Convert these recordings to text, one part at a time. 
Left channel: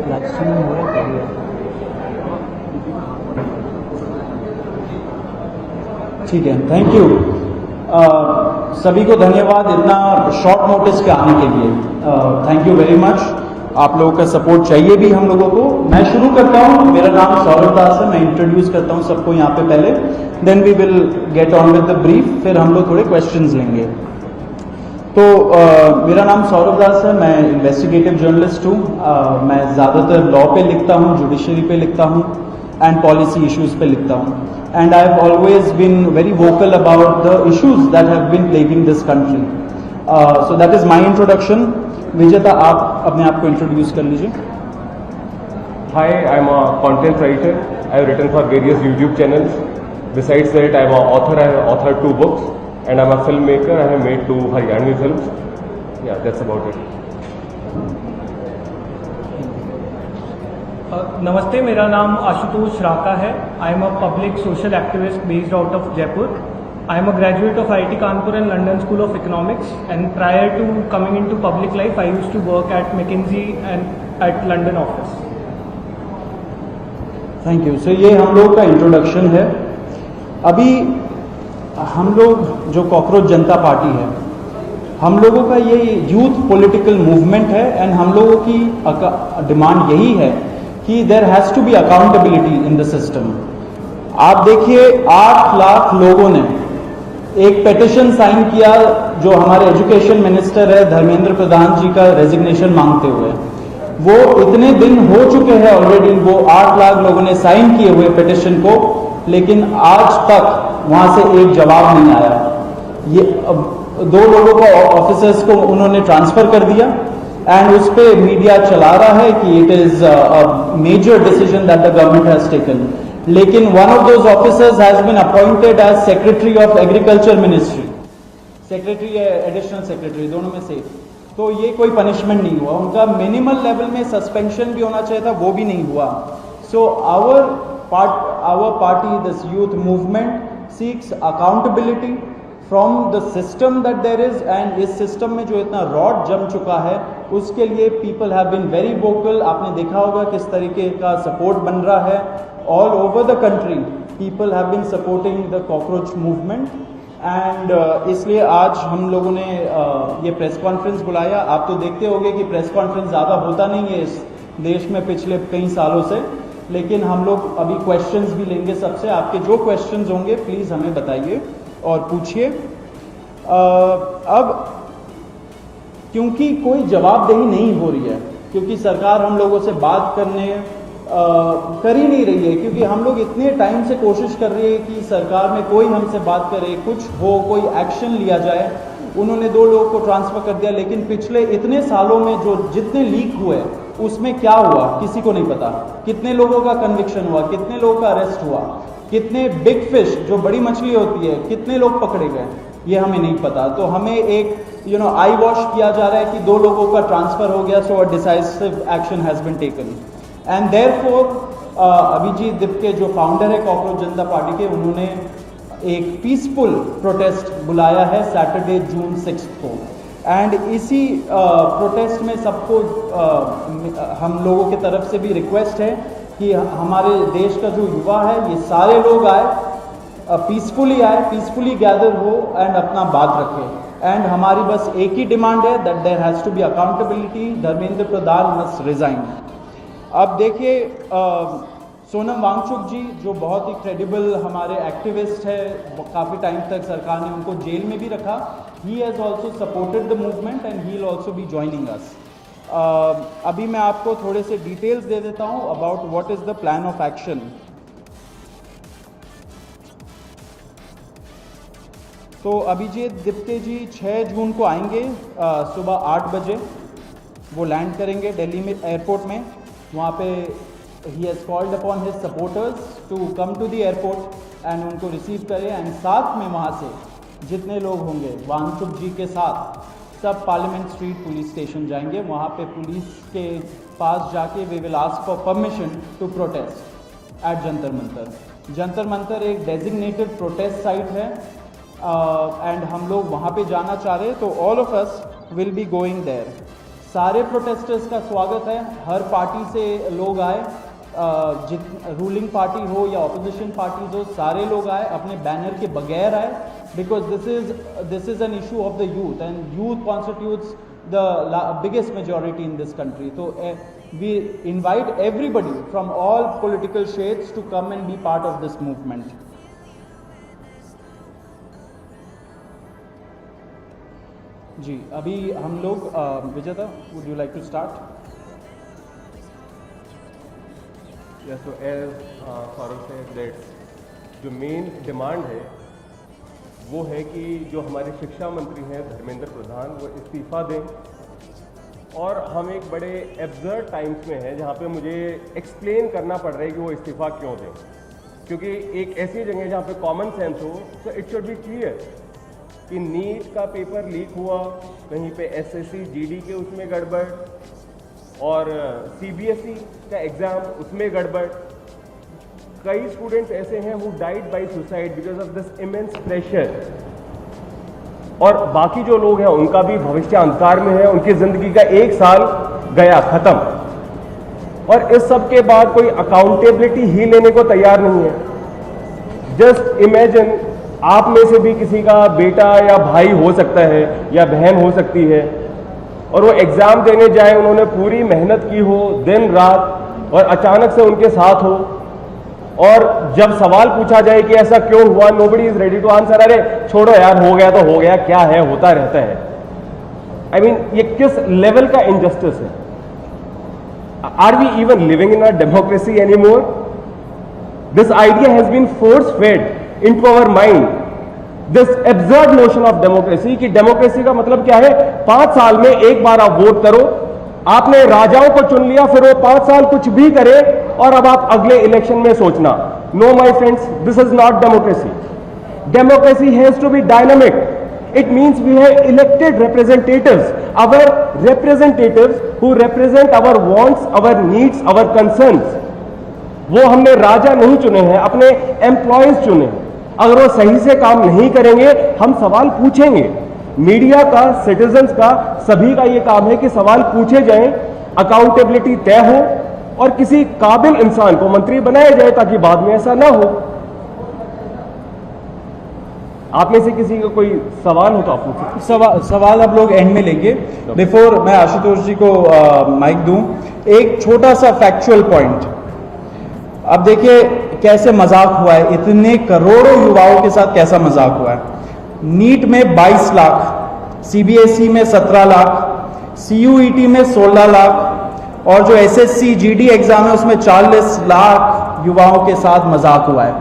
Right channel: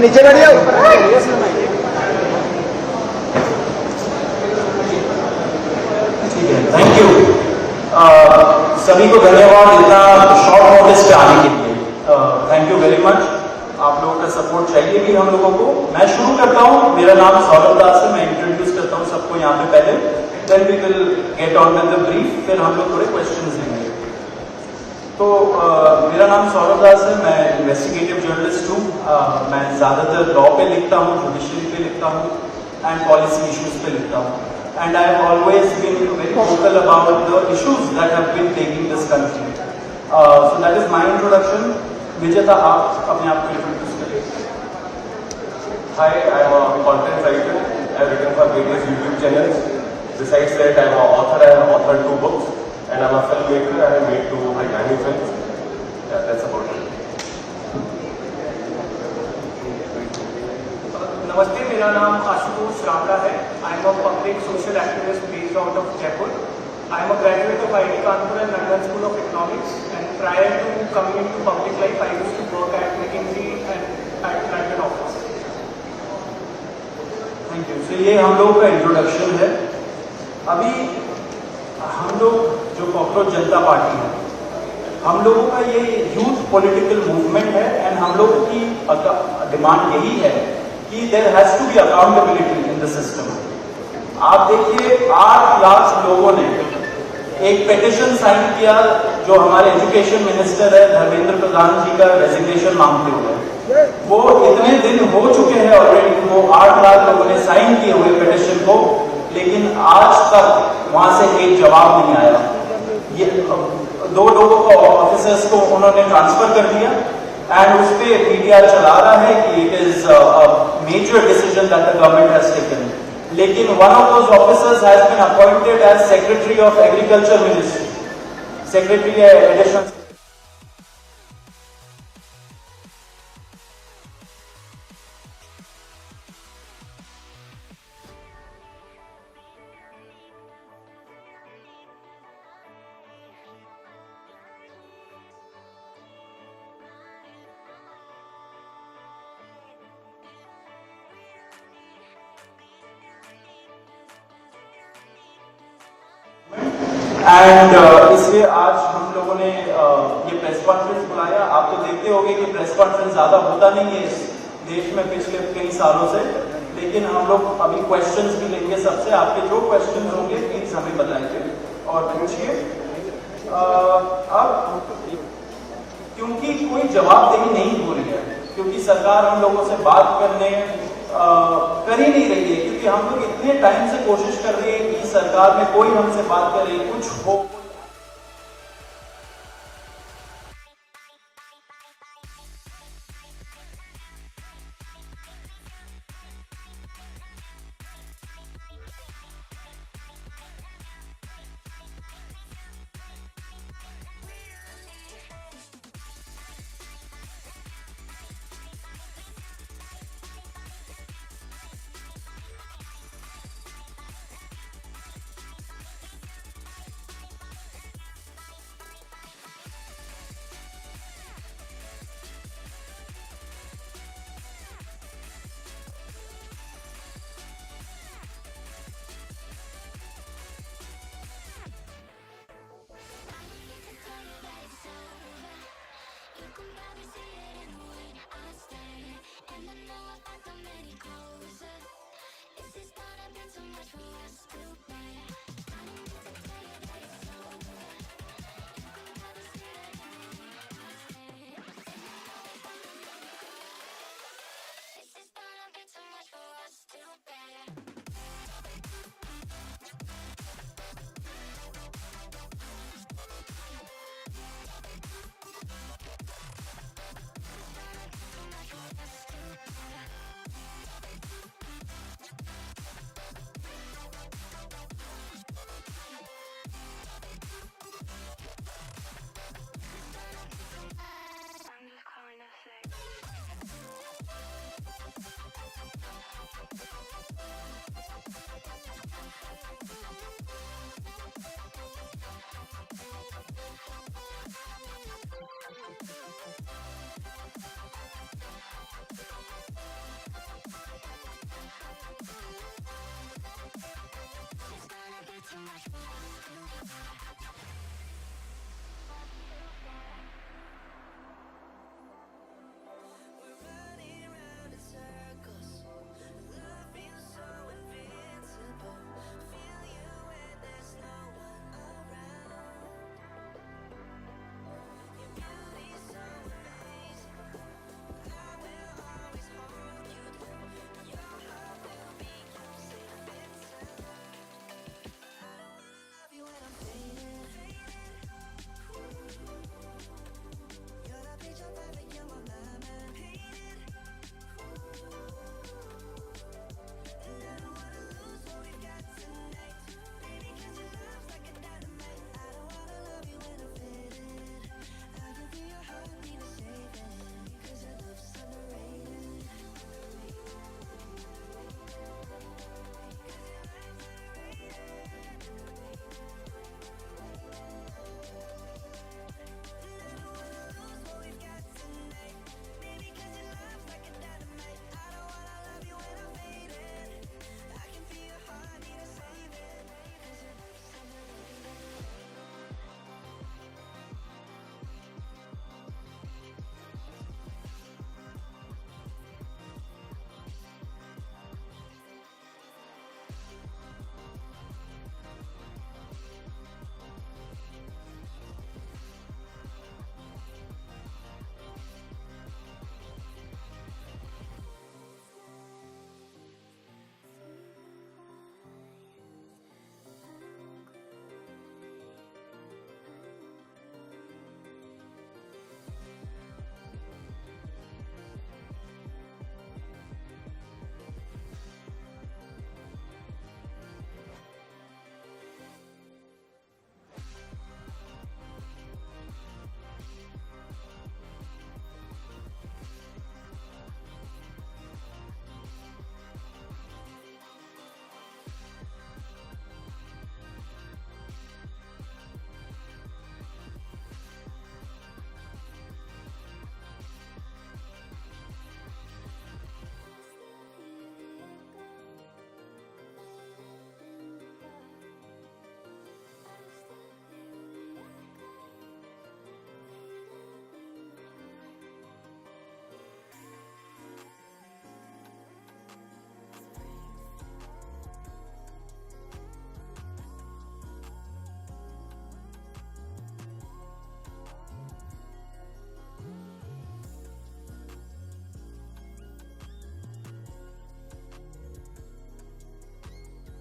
नीचे बैठ जाओ। ठीक है, थैंक यू। सभी को धन्यवाद इतना शॉर्ट नोटिस पे आने के लिए। Thank you very much. आप लोगों का सपोर्ट चाहिए भी हम लोगों को। मैं शुरू करता हूँ। मेरा नाम सौरभ दास है। मैं इंट्रोड्यूस करता हूँ सबको यहाँ पे पहले, then we will get on with the brief, फिर हम लोग थोड़े क्वेश्चंस लेंगे। तो मेरा नाम सौरभ दास है। मैं इन्वेस्टिगेटिव जर्नलिस्ट हूँ। मैं ज़्यादातर लॉ पे लिखता हूँ, जुडिशरी पे लिखता हूँ एंड पॉलिसी इश्यूज पे लिखता हूँ। And I have always been very vocal about the issues that have been plaguing this country. So that is my introduction. Vijeta, आप अपने आप को इंट्रोड्यूस कर लीजिए। Hi, I'm a content writer. I have written for various YouTube channels. Besides that, I'm an author. I have authored 2 books. And I'm a filmmaker. I have made 2 Haryani films. Yeah, that's about it. नमस्ते, मेरा नाम आशुतोष राका है। I am a public social activist based out of Jaipur. I am a graduate of IIT Kanpur and London School of Economics and prior to coming into public life I used to work at McKinsey and at London office. Thank you. So ये हम लोगों का introduction है। अभी हम लोग जो cockroach जनता party है, हम लोगों का ये यूथ पॉलिटिकल मूवमेंट है एंड हम लोगों की डिमांड यही है कि there has to be accountability in the system. आप देखिए 8 लाख लोगों ने एक पिटीशन साइन किया जो हमारे एजुकेशन मिनिस्टर है धर्मेंद्र प्रधान जी का रेजिग्नेशन मांगते हुए। वो इतने दिन हो चुके हैं ऑलरेडी, वो 8 लाख लोगों ने साइन किए हुए पिटीशन को, लेकिन आज तक वहां से एक जवाब नहीं आया। ये 2 लोगों को ऑफिसर्स को उन्होंने ट्रांसफर कर दिया एंड उस पर मीडिया चला रहा है कि it is a major decision that the government has taken. लेकिन one of those officers has been appointed as secretary of agriculture ministry, secretary या एडिशनल सेक्रेटरी, दोनों में से। तो ये कोई पनिशमेंट नहीं हुआ उनका। मिनिमल लेवल में सस्पेंशन भी होना चाहिए था, वो भी नहीं हुआ। So our party, this youth movement seeks accountability from the system that there is, and इस system में जो इतना रॉड जम चुका है उसके लिए people have been very vocal। आपने देखा होगा किस तरीके का सपोर्ट बन रहा है all over the country। people have been supporting the cockroach movement and इसलिए आज हम लोगों ने ये प्रेस कॉन्फ्रेंस बुलाया। आप तो देखते होंगे कि प्रेस कॉन्फ्रेंस ज़्यादा होता नहीं है इस देश में पिछले कई सालों से, लेकिन हम लोग अभी क्वेश्चंस भी लेंगे सबसे। आपके जो क्वेश्चंस होंगे प्लीज हमें बताइए और पूछिए। अब क्योंकि कोई जवाबदेही नहीं हो रही है, क्योंकि सरकार हम लोगों से बात करने कर ही नहीं रही है, क्योंकि हम लोग इतने टाइम से कोशिश कर रहे हैं कि सरकार में कोई हमसे बात करे, कुछ हो, कोई एक्शन लिया जाए। उन्होंने 2 लोगों को ट्रांसफर कर दिया, लेकिन पिछले इतने सालों में जो जितने लीक हुए उसमें क्या हुआ किसी को नहीं पता। कितने लोगों का कन्विक्शन हुआ, कितने लोगों का अरेस्ट हुआ, कितने बिग फिश जो बड़ी मछली होती है कितने लोग पकड़े गए, ये हमें नहीं पता। तो हमें एक आई वॉश किया जा रहा है कि 2 लोगों का ट्रांसफर हो गया, so a decisive action has been taken and therefore Abhijit Dipke जो फाउंडर है कॉकरोच जनता पार्टी के, उन्होंने एक पीसफुल प्रोटेस्ट बुलाया है सैटरडे जून 6 को। एंड इसी प्रोटेस्ट में सबको हम लोगों की तरफ से भी रिक्वेस्ट है कि हमारे देश का जो युवा है ये सारे लोग आए पीसफुली आए, पीसफुली गैदर हो एंड अपना बात रखे। एंड हमारी बस एक ही डिमांड है that there has to be accountability, Dharmendra Pradhan must resign. अब देखिए सोनम वांगचुक जी जो बहुत ही क्रेडिबल हमारे एक्टिविस्ट है, काफ़ी टाइम तक सरकार ने उनको जेल में भी रखा। He has also supported the movement and he will also be joining us. अभी मैं आपको थोड़े से डिटेल्स दे देता हूँ about what is the plan of action. तो अभिजीत दिप्ते जी 6 जून को आएंगे सुबह 8 बजे। वो लैंड करेंगे दिल्ली में एयरपोर्ट में। वहाँ पे he has called upon his supporters to come to the airport and उनको रिसीव करें। एंड साथ में वहाँ से जितने लोग होंगे वांगचुक जी के साथ सब पार्लियामेंट स्ट्रीट पुलिस स्टेशन जाएंगे। वहाँ पे पुलिस के पास जाके we will ask for permission to protest at Jantar Mantar. Jantar Mantar एक डेजिग्नेटेड प्रोटेस्ट साइट है एंड हम लोग वहाँ पे जाना चाह रहे हैं, तो all of us will be going there. सारे प्रोटेस्टर्स का स्वागत है, हर पार्टी से लोग आए, रूलिंग पार्टी हो या ऑपोजिशन पार्टीज हो, सारे लोग आए, अपने बैनर के बगैर आए, because this is an issue of the youth and youth constitutes the biggest majority in this country. तो we invite everybody from all political shades to come and be part of this movement. जी अभी हम लोग Vijeta, would you like to start? तो as Farooq said that जो main demand है वो है कि जो हमारे शिक्षा मंत्री हैं धर्मेंद्र प्रधान वो इस्तीफ़ा दें। और हम एक बड़े एब्सर्ड टाइम्स में हैं जहाँ पे मुझे एक्सप्लेन करना पड़ रहा है कि वो इस्तीफ़ा क्यों दें, क्योंकि एक ऐसी जगह जहाँ पे कॉमन सेंस हो, तो इट शुड बी क्लियर कि नीट का पेपर लीक हुआ, कहीं पे एसएससी जीडी के उसमें गड़बड़, और सीबीएसई का एग्ज़ाम उसमें गड़बड़। कई स्टूडेंट्स ऐसे हैं who died by suicide because of this immense pressure, और बाकी जो लोग हैं उनका भी भविष्य अंधकार में है, उनकी ज़िंदगी का 1 साल गया ख़त्म, और इस सब के बाद कोई अकाउंटेबिलिटी ही लेने को तैयार नहीं है। जस्ट इमेजिन आप में से भी किसी का बेटा या भाई हो सकता है या बहन हो सकती है, और वो एग्ज़ाम देने जाए, उन्होंने पूरी मेहनत की हो दिन रात, और अचानक से उनके साथ हो, और जब सवाल पूछा जाए कि ऐसा क्यों हुआ, nobody is ready to answer. अरे छोड़ो यार, हो गया तो हो गया, क्या है, होता रहता है। आई मीन ये किस लेवल का इनजस्टिस है? Are we even living in a democracy any more? This idea has been force fed into our mind, this absurd notion of democracy, कि डेमोक्रेसी का मतलब क्या है? 5 साल में एक बार आप वोट करो, आपने राजाओं को चुन लिया, फिर वो 5 साल कुछ भी करे, और अब आप अगले इलेक्शन में सोचना। No my friends, this is not democracy. Democracy has to be dynamic. It means we have elected representatives, our representatives who represent our wants, our needs, our concerns. वो हमने राजा नहीं चुने हैं, अपने एम्प्लॉयज चुने हैं। अगर वो सही से काम नहीं करेंगे, हम सवाल पूछेंगे। मीडिया का, सिटीजन्स का, सभी का ये काम है कि सवाल पूछे जाएं, अकाउंटेबिलिटी तय हो, और किसी काबिल इंसान को मंत्री बनाया जाए ताकि बाद में ऐसा ना हो। आप में से किसी का कोई सवाल हो तो आप पूछिए। सवाल आप लोग एंड में लेंगे। बिफोर मैं आशुतोष जी को माइक दूं, एक छोटा सा फैक्चुअल पॉइंट। अब देखिए कैसे मजाक हुआ है, इतने करोड़ों युवाओं के साथ कैसा मजाक हुआ है। नीट में 22 लाख, सीबीएसई में 17 लाख, सीयूईटी में 16 लाख, और जो एसएससी जीडी एग्जाम है उसमें 40 लाख युवाओं के साथ मजाक हुआ है।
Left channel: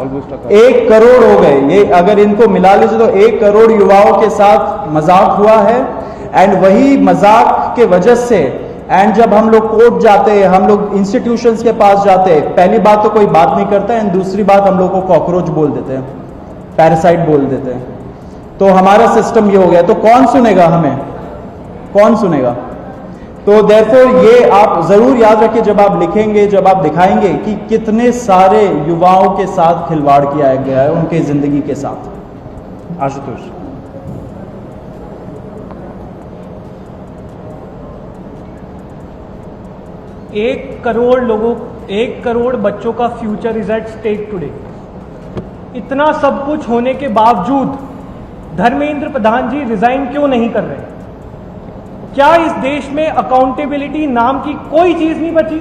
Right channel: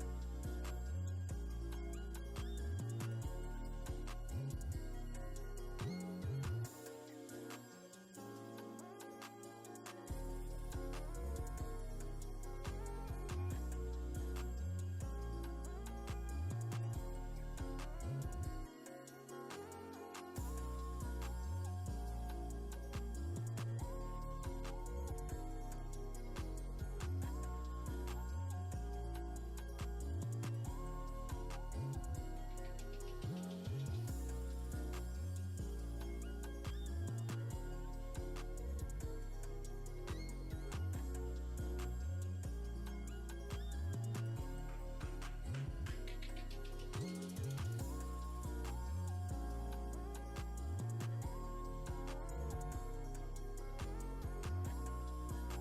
ऑलमोस्ट 1 करोड़ हो गए। ये अगर इनको मिला लीजिए तो 1 करोड़ युवाओं के साथ मजाक हुआ है। एंड वही मजाक के वजह से, एंड जब हम लोग कोर्ट जाते हैं, हम लोग इंस्टीट्यूशंस के पास जाते हैं, पहली बात तो कोई बात नहीं करता है, एंड दूसरी बात हम लोग को कॉकरोच बोल देते हैं, पैरासाइट बोल देते हैं। तो हमारा सिस्टम ये हो गया, तो कौन सुनेगा हमें? कौन सुनेगा? तो देयरफॉर ये आप जरूर याद रखिए जब आप लिखेंगे, जब आप दिखाएंगे कि कितने सारे युवाओं के साथ खिलवाड़ किया गया है, उनके जिंदगी के साथ। आशुतोष। 1 करोड़ लोगों, 1 करोड़ बच्चों का future is at stake today. इतना सब कुछ होने के बावजूद धर्मेंद्र प्रधान जी रिजाइन क्यों नहीं कर रहे? क्या इस देश में अकाउंटेबिलिटी नाम की कोई चीज नहीं बची?